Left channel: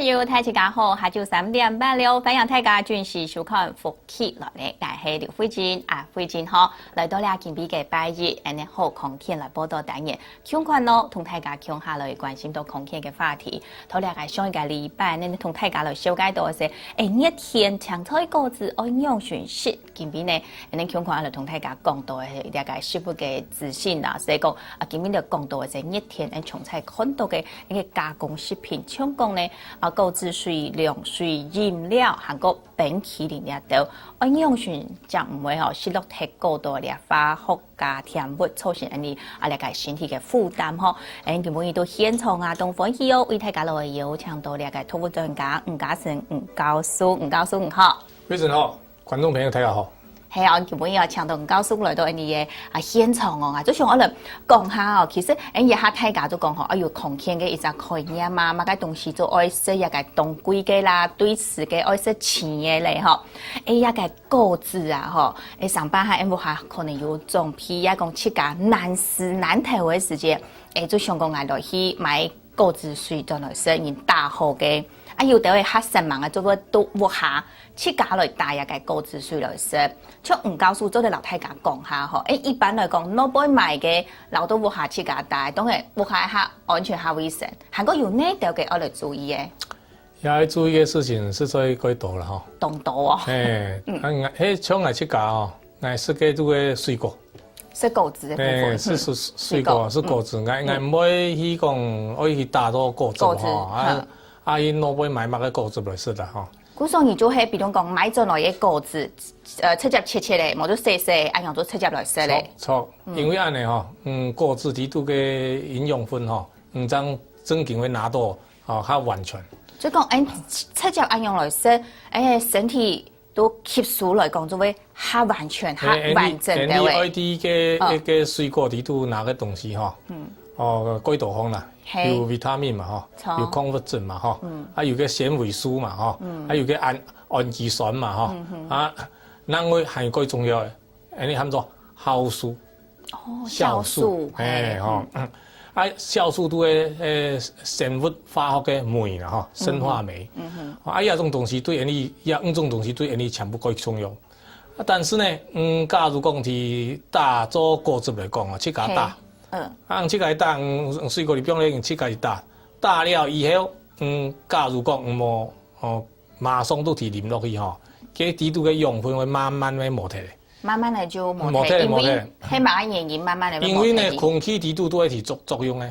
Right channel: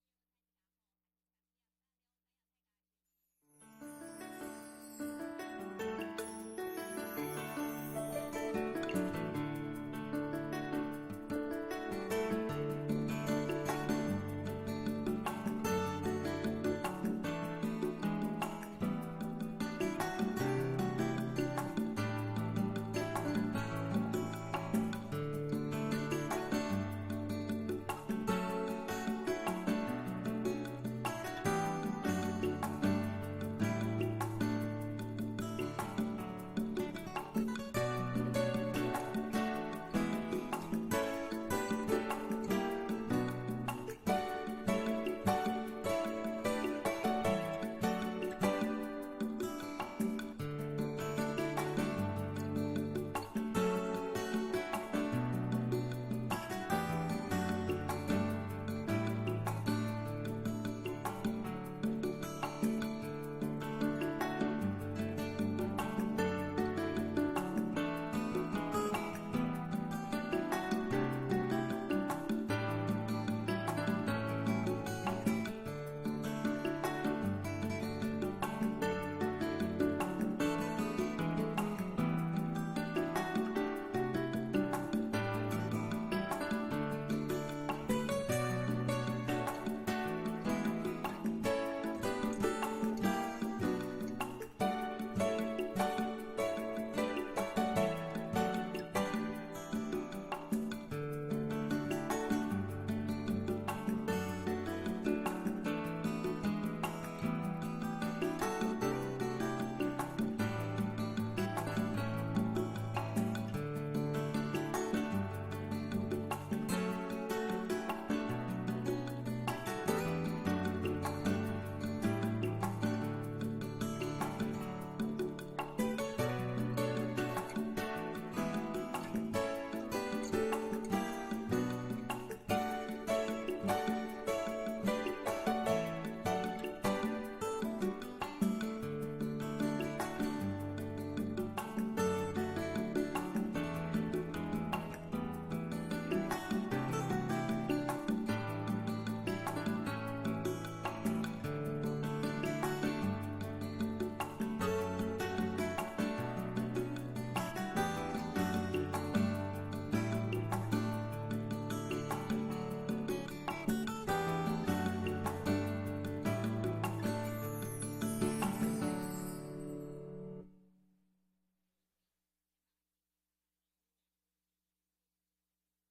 朋友，大家好，下晝3:30了，歡迎大家準時收看福氣落嚟，我係劉慧珍啊，慧珍好，來到了今比嘅拜日，安尼好空氣來報道單元，相關咯，同大家講下來關心到空氣嘅話題。頭兩個上一個禮拜，呢同大家來了解到嘅是，熱天青菜果子安樣選食，今比呢，呢相關來同大家講到嘅大概食物嘅資訊啦，所以講啊，今比就講到嘅是熱天誒，從菜看到嘅呢個加工食品，像講呢。果汁水、涼水、飲料，韓國冰淇淋也都，安樣選就唔會攝入太過多嘅化學加甜物，造成你嚟個身體嘅負擔嗬。佢每日都現場啊，東歡喜哦，為大家來邀請到嚟個土木專家吳家成吳教授，吳教授你好。非常好，觀眾朋友大家好。係啊，佢每日請到吳教授來到你嘅現場哦，就想我嚟講下哦，其實日下大家都講嗬，空氣嘅一隻概念嘛，乜嘅東西都愛食一個當歸嘅啦，對食嘅愛食青嘅咧嗬，一個果子啊嗬，上班下唔下可能有種皮啊，講切價難食難睇嘅時間，就想講嗌落去買果子水當來食，然大號嘅，有啲會嚇神忙啊，做到都唔下。切價來大一個果子水來食，像吳教授做嘅老太家講下嗬，一般來講，攞杯買嘅老都唔下切價大，當然唔下下安全下衛生，韓國有呢條嘅我嚟注意嘅。要注意嘅事情是在幾多啦嗬？當多啊！像我切價哦，我食嘅都係水果。食果子嘅。是水果，是果子，我唔會去講，我去打到果子嗬。伊攞杯買乜嘅果子來食啦嗬。古上而做係，比如講買咗來嘅果子，切切切咧，冇咗細細，按樣做切切來食咧。錯，因為安尼嗬，果子裡頭嘅營養分嗬，唔將真正會拿到較完全。所以講，切切按樣來食，身體都吸收來講，就會較完全、較完整嘅。你愛啲嘅水果裡頭拿嘅東西嗬。幾多方啦？有維他命嘛，有礦物質嘛，有個纖維素嘛，有個氨基酸嘛，另外還有最重要嘅，你喊做酵素。酵素，酵素都係生物化學嘅酶啦，生化酶。呢種東西對你，呢種東西對你全部可以重用。但是呢，假如講是打做果汁來講啊，切價打。切開打，水果裡邊咧切開打了以後，假如講冇馬上都提淋落去嗬，佢底度嘅養分會慢慢會磨退。慢慢嚟就磨退，因為係乜原因慢慢嚟？因為呢空氣底度都係提作用嘅，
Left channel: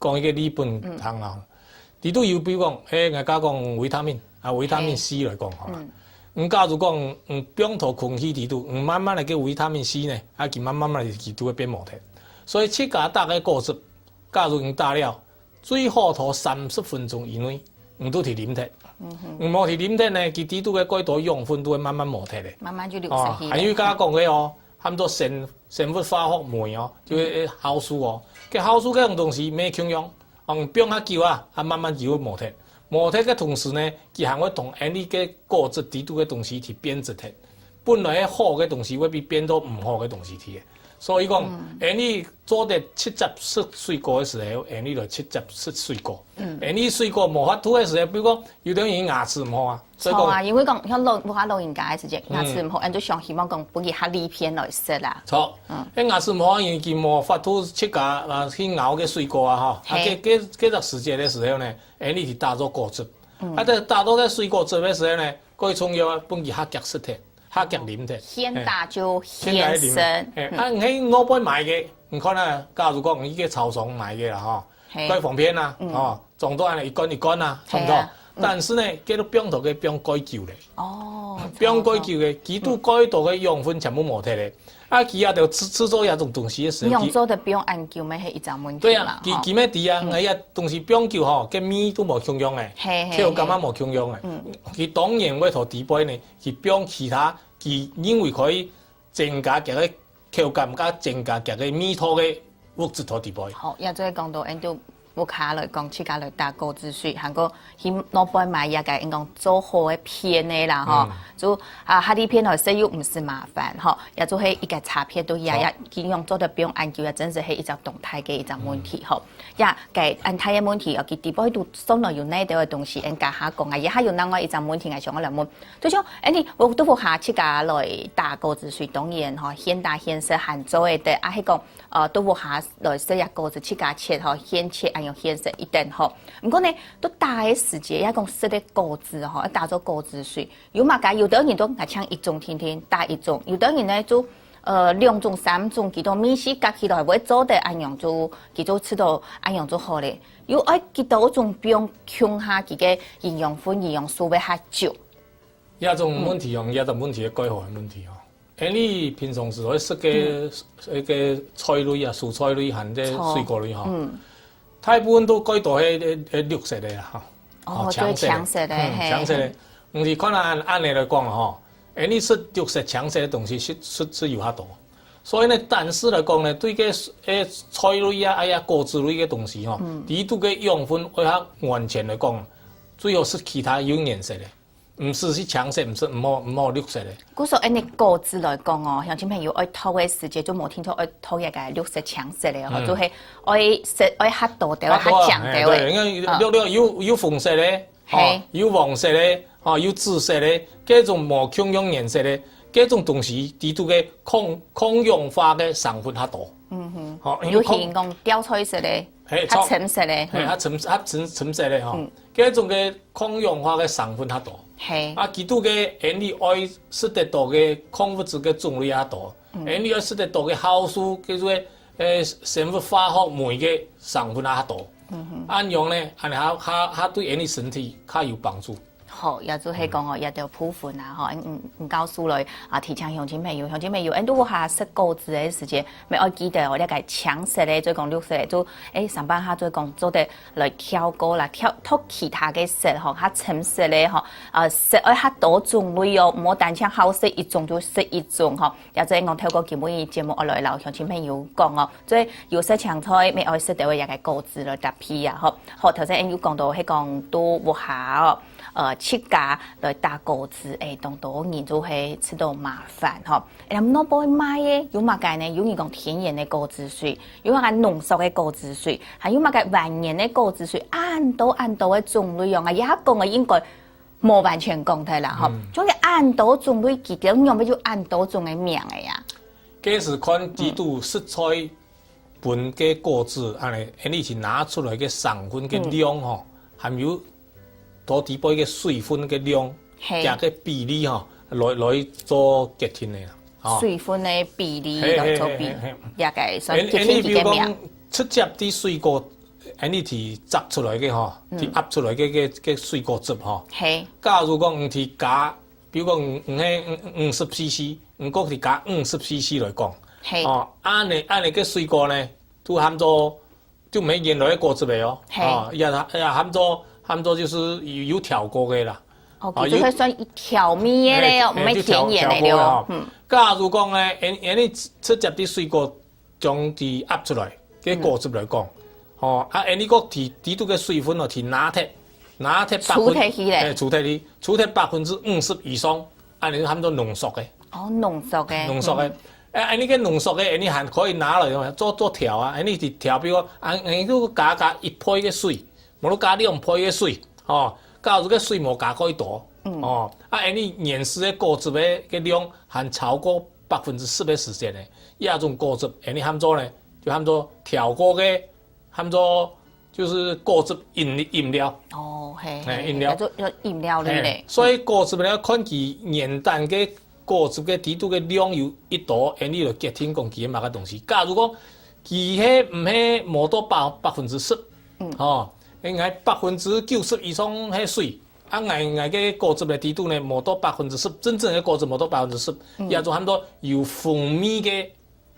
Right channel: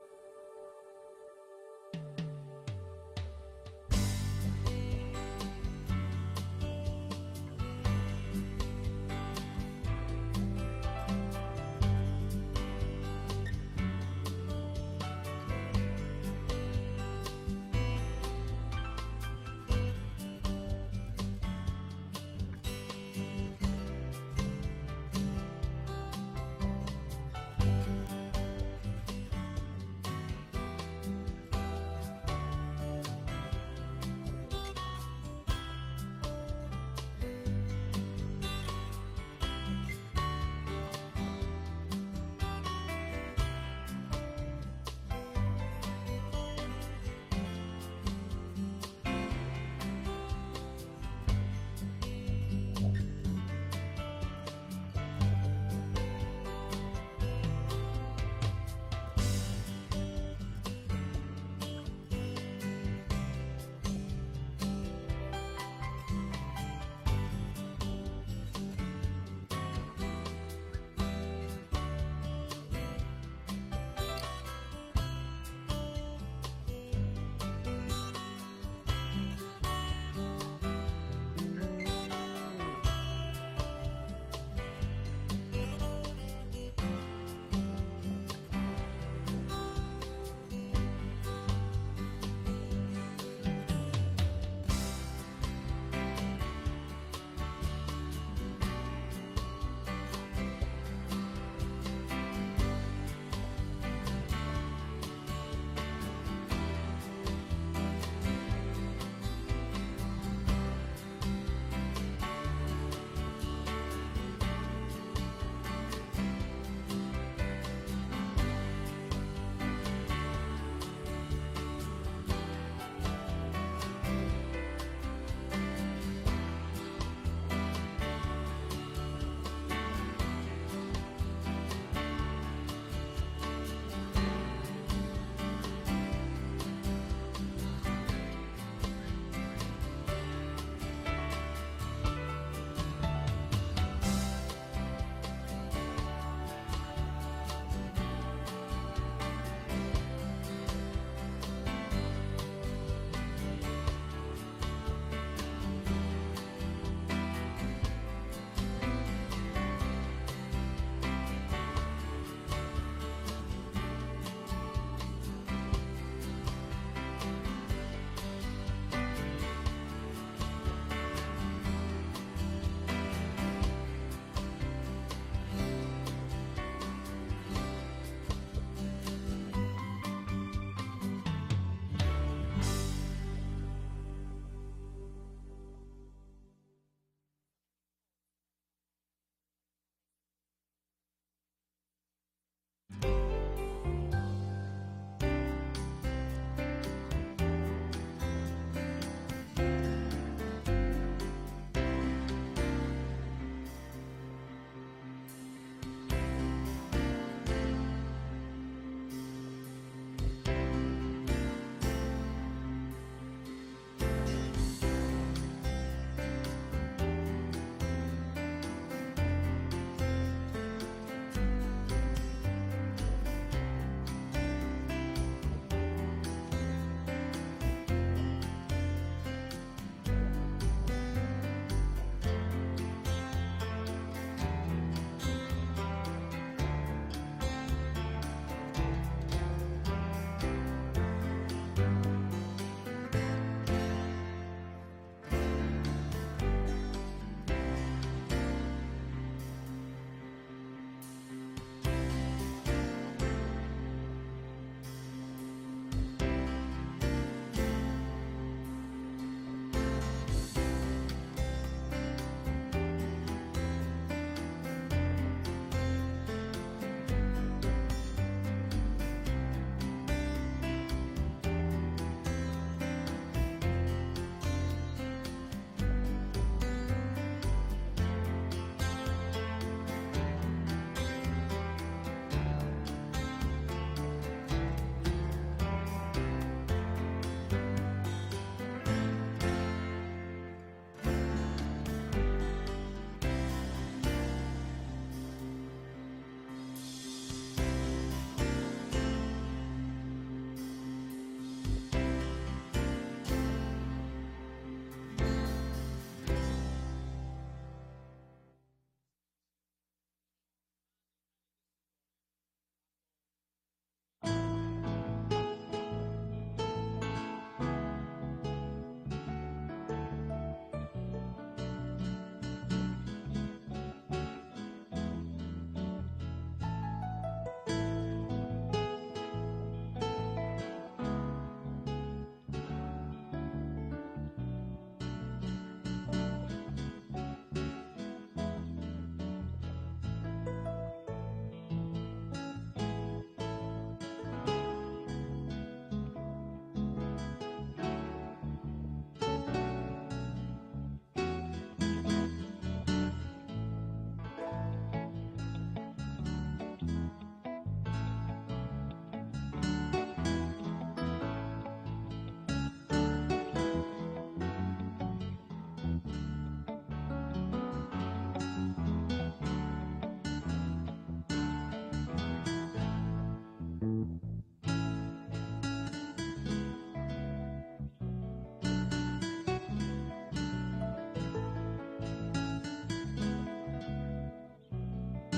講一個理論行啦。底度有比如講，我家講維他命維他命 C 來講，假如講邊頭空氣底度，慢慢嚟嘅維他命 C 呢，佢慢慢嚟都會變磨退。所以切價打嘅果汁，假如你打了，最好頭30分鐘以內，唔都提啉脱。冇提啉脱呢，佢底度嘅幾多養分都會慢慢磨退咧。慢慢就流失去。還有家講嘅哦，喊做生物化學酶哦，就係酵素哦。嘅酵素嗰種東西咩功用？變下久啊，它慢慢就會磨退。磨退嘅同時呢，佢還會同你嘅果汁底度嘅東西去變質脱。本來好嘅東西會變到唔好嘅東西去嘅。所以講，你做啲切汁食水果嘅時候，你來切汁食水果。你水果無法吐嘅時候，比如講有啲人牙齒唔好啊。錯啊，因為講像老人家嘅時陣，牙齒唔好，人就想希望講補啲下利片來食啦。錯，啲牙齒唔好，因為佢無法吐切價去咬嘅水果啊，嗬。嗰個時節嘅時候呢，你去打咗果汁。打到嘅水果汁嘅時候呢，最重要啊，幫佢下夾食嘅。下夾啉嘅，先打就先生。你攞杯買嘅，唔可能。假如講呢個超商買嘅啦，嗬，貴方便啦，撞到係一乾一乾啊，差唔多。但是呢，佢都變頭嘅變改舊咧。哦，變改舊嘅，幾多改道嘅養分全部冇睇咧。佢啊就製作一種東西嘅時候，用做的變按舊咪係一種問題。對啊，佢咩啲啊？我一東西變舊嗬，嘅米都冇功用嘅，條咁啊冇功用嘅。佢當然會同地杯呢，佢變其他，佢因為可以增加嘅條感加增加嘅米湯嘅物質同地杯。好，也就係講到，都冇卡來講，自家來打果汁水，韓國去老板买也个应讲做好的片的啦吼，就哈啲片吼使又唔是麻烦吼，也做係一個插片都也盡量做得不用按鍵，也真是係一隻動態嘅一隻問題吼。也個按態嘅問題，尤其地方喺度送來有哪啲嘅東西，人家下講啊，也係有另外一隻問題係想我嚟問，就像我都會下設家來打果子水，當然吼，現打現色限做嘅，啊係講都會下來設一果子設家切吼，現切按用現色一定吼。唔過呢，都大嘅時節，一講食啲果子吼，一打咗果子水，有嘛解？有啲人都係搶一種天天打一種，有啲人呢就2種3種，佢都米絲夾起來會做得按樣做，佢都吃到按樣做好咧。有愛佢到種不用強下佢嘅營養分、營養素會較少。一種問題用一種問題嘅改善問題哦。誒，你平常時會食嘅一個菜類啊、蔬菜類含即水果類吼。大部分都改到係綠色嘅啊，哦，最強色嘅，強色嘅。唔是可能按你來講啦吼，你食綠色強色嘅東西是有較多，所以呢，但是來講呢，對個菜類啊、果子類嘅東西吼，呢度嘅養分會較完全來講，最好是其他有顏色嘅。唔是強色，唔好綠色嘅。古說你果子來講哦，鄉親朋友愛偷嘅時節就冇聽錯愛偷一個綠色強色嘅，就係愛色愛較多啲，愛較強啲嘅。有紅色嘅，有黃色嘅，有紫色嘅，各種無強氧顏色嘅，各種東西啲都嘅抗氧化嘅成分較多。有係講掉菜色嘅，較深色嘅，深色嘅吼。各種嘅抗氧化嘅成分較多。佢都嘅你愛食得多嘅礦物質嘅種類也多，你愛食得多嘅酵素叫做生物化學酶嘅成分也多。按樣咧，係對你身體較有幫助。好，也就係講哦，也就部分啊，吼，告訴來提倡鄉親朋友，都下食果子嘅時節，咪愛記得我哋個強色咧，再講綠色咧，就上班下再講做得來挑過啦，挑其他嘅色吼，較深色咧吼，色愛較多種類哦，唔好單槍好食一種就食一種吼，也就係我透過節目我來留鄉親朋友講哦，所以有色青菜咪愛食到一個果子來搭配啊，好頭先有講到係講都活下哦。切架來打果子，當到人就係吃到麻煩嗬。咁攞波買嘅，有乜嘅呢？有人講天然嘅果子水，有乜嘅濃縮嘅果子水，還有乜嘅天然嘅果子水，按到嘅種類用啊，一講嘅應該冇完全講睇啦嗬。總之按到種類幾點用，咪就按到種嘅名嘅呀。這是看幾度食材本嘅果子，你是拿出來嘅成分嘅量嗬，含有。多啲杯嘅水分嘅量，加嘅比例吼，來做決定嘅。水分嘅比例來做比，也個所以決定幾個名。出汁啲水果，你係摘出來嘅吼，係壓出來嘅水果汁吼。假如講唔係加，比如講唔係50 cc， 唔過係加50 cc 來講，按你嘅水果呢，都含咗就唔係原來嘅果汁嚟哦，也含咗就是有調過嘅啦。就係算調味嘅咧，唔係天然嘅咯。假如講咧，你出汁啲水果將啲壓出來嘅果汁嚟講，你個提到嘅水分哦，係拿鐵儲50%以上，你含咗濃縮嘅。濃縮嘅。你嘅濃縮嘅，你還可以拿來做調啊！你係調，比如你都加1杯嘅水。冇加2杯嘅水，假如個水冇加過多，你原始嘅果汁嘅量含超過10%嘅時間咧，呢種果汁，你含咗咧就含咗調過嘅，含咗就是果汁飲料。飲料做飲料咧。所以果汁咧看佢原單嘅果汁嘅底度嘅量有一多，你就決定講佢係乜嘅東西。假如講佢係唔係冇到10%，應該90%以上係水，嘅果汁嘅底度呢冇到10%，真正嘅果汁冇到10%，也就含到有蜂蜜嘅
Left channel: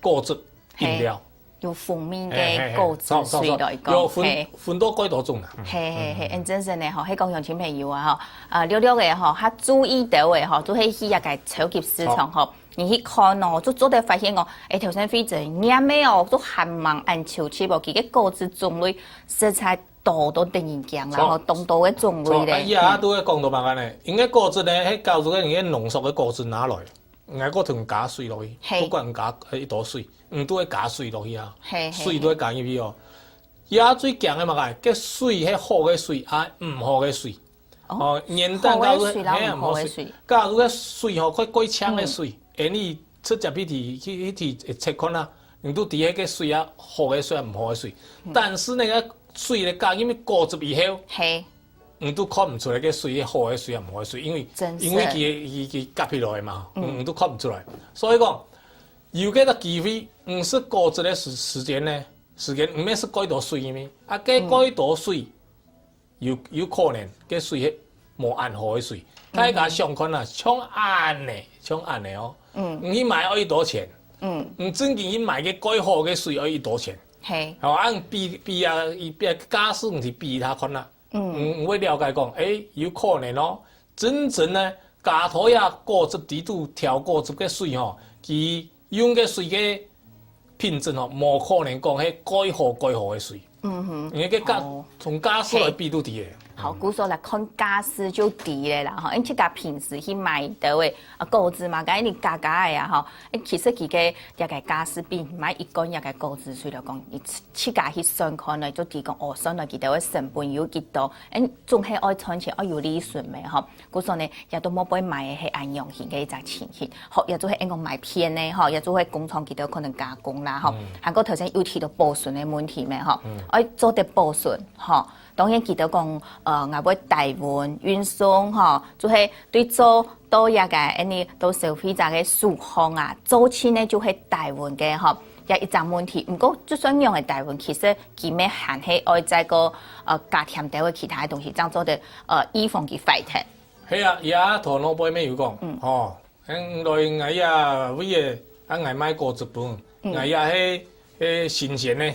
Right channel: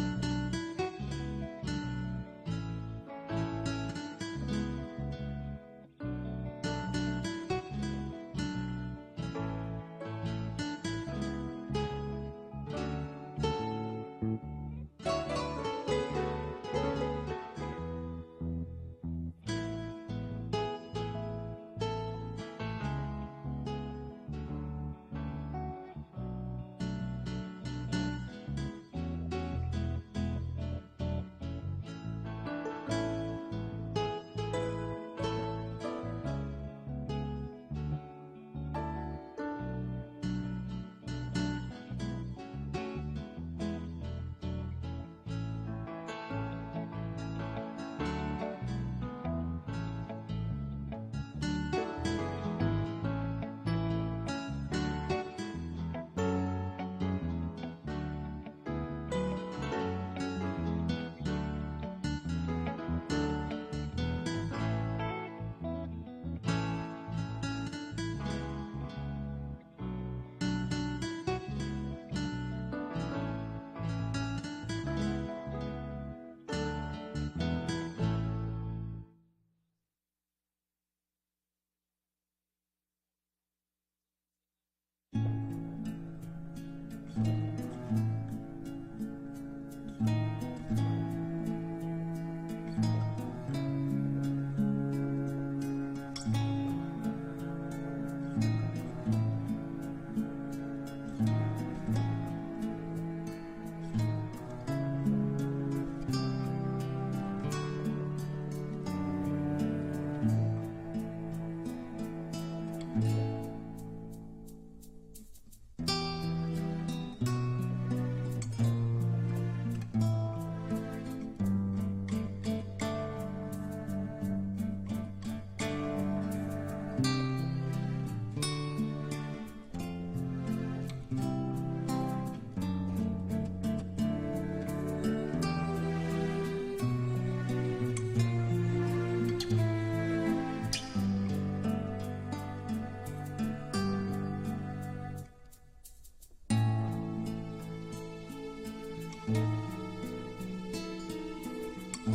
果汁飲料。有蜂蜜嘅果汁水來講，分多幾多種啦。真正咧，喺講鄉親朋友啊，了嘅較注意到嘅都係去一個超級市場你去看哦，就做得發現頭先飛仔啱咩都含忙按潮起噃，佢嘅果汁種類色彩度都突然間啦，吼，當度嘅種類咧。伊啊都會講到白安尼，因為果汁咧，迄教做嘅用濃縮嘅果汁拿來，硬個同加水落去，不管加一朵水，都會加水落去啊，水都會加入去哦。伊啊最強嘅嘛個，嘅水係好嘅水，唔好嘅水。哦，年蛋加入唔好水，加入嘅水吼，快槍嘅水，你出入去測看啦。你都底下個水啊，好嘅水啊，唔好嘅水。但是那個水咧加因為果汁以後，你都看唔出來個水係好嘅水啊，唔好嘅水，因為佢夾起來嘛，你都看唔出來。所以講，有個機會，唔是果汁嘅時間咧，唔係是幾多水嘅咩？幾多水有可能個水係無按好嘅水。大家想看啊，搶按嘅哦，你買可以多錢？真正伊買嘅改好嘅水可以多錢？係，按比啊，假使唔是比他看啦，會了解講，有可能咯，真正咧加頭呀果汁地度調果汁嘅水吼，佢用嘅水嘅品質吼，冇可能講係改好嘅水，因為個從假使來比都啲嘅。好，古說來看家私就低咧啦，吼，因即個平時去買到嘅果汁嘛，咁你加嘅呀，吼，其實佢嘅一個家私比買一罐一個果汁水嚟講，你自家去算看嚟，就提講算來幾多嘅成本有幾多，總係愛賺錢愛有利潤嘅，吼，古說呢，亦都冇俾買嘅係按用佢嘅一隻錢去，學亦都係應該買片咧，吼，亦都係工廠幾多可能加工啦，吼，韓國頭先有提到保存嘅問題咩，吼，愛做啲保存，吼。當然記得講，我要台灣運送吼，就係對做多一個到消費者嘅數項啊，做錢呢就係台灣嘅吼，有一陣問題。不過就算用係台灣，其實佢咩限係愛在個加添到嘅其他東西，當做的以防佢壞騰。係啊，而家同老闆咩有講，吼，來我呀，為嘅我買果汁本，我呀係。新鮮呢，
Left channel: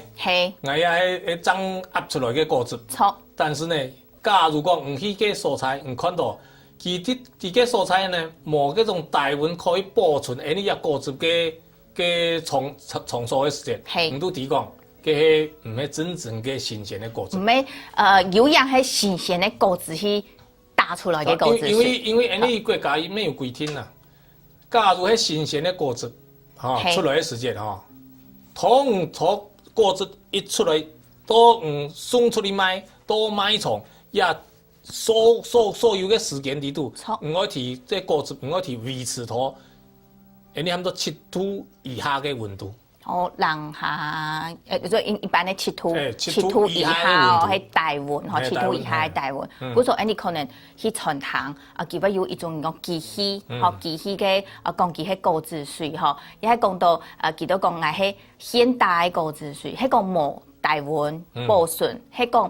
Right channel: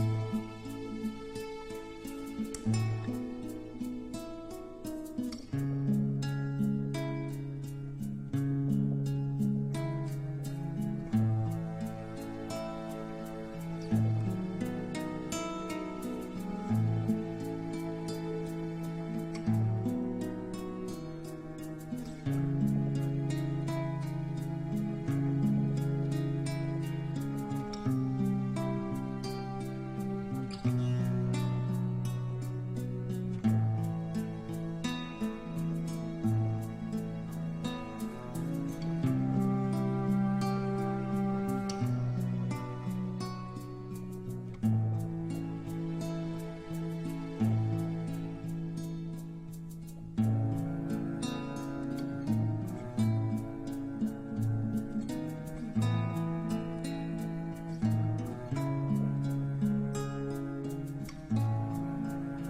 我也係爭壓出來嘅果汁。錯。但是呢，假如講唔去嘅蔬菜，唔看到，佢嘅蔬菜呢，冇嗰種大碗可以保存呢一果汁嘅長數嘅時間。唔都提講，嘅唔係真正嘅新鮮嘅果汁。唔係有樣係新鮮嘅果汁去打出來嘅果汁。因為呢國家沒有規定啦。假如係新鮮嘅果汁，出來嘅時間從果汁一出來，都送出去賣，都賣場也所有嘅時間地度，唔可以即果汁唔可以維持到，你差唔多7度以下嘅溫度。哦，零下就一般嘅7度以下哦，係大溫嗬，7度以下係大溫。嗰種你可能去餐廳佢會有一種個機器，機器嘅講佢係果汁水嗬，亦係講到佢都講係現代果汁水，係講冇大溫保存，係講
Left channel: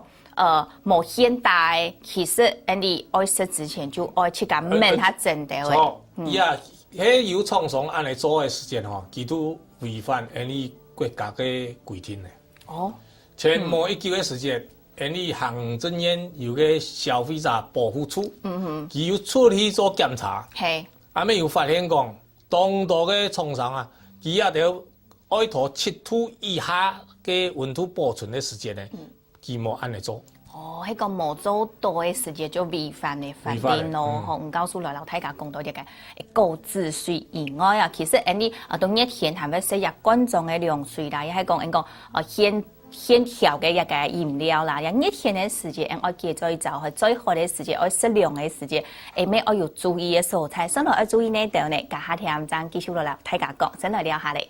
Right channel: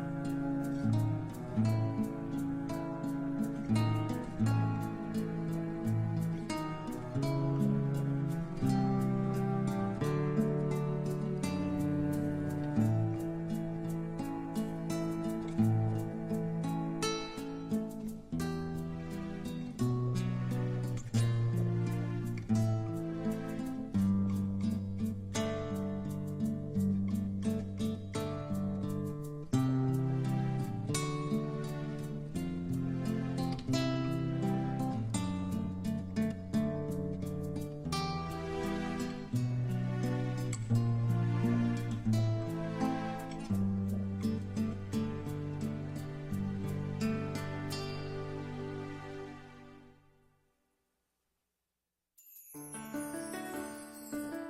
冇現代，其實你愛食之前就愛去咁問下真嘅。喺有廠商按嚟做嘅時間吼，佢都違反你國家嘅規定嘅。哦，前某一久嘅時間，你行政院有個消費者保護處，佢要出去做檢查，後尾又發現講，當多嘅廠商啊，佢也要愛到7度以下嘅溫度保存嘅時間咧，佢冇按嚟做。喺個冇做到嘅時間就違反嘅法定咯，吼！唔告訴來老大家講到一個果汁水以外啊，其實你到熱天係咪食日罐裝嘅涼水啦？亦係講一個現調嘅一個飲料啦。熱天嘅時間，我記住就係最好嘅時間，我適量嘅時間，咩我要注意嘅蔬菜，先來要注意呢度呢？家下聽唔爭，繼續落嚟大家講，先來聊下嚟。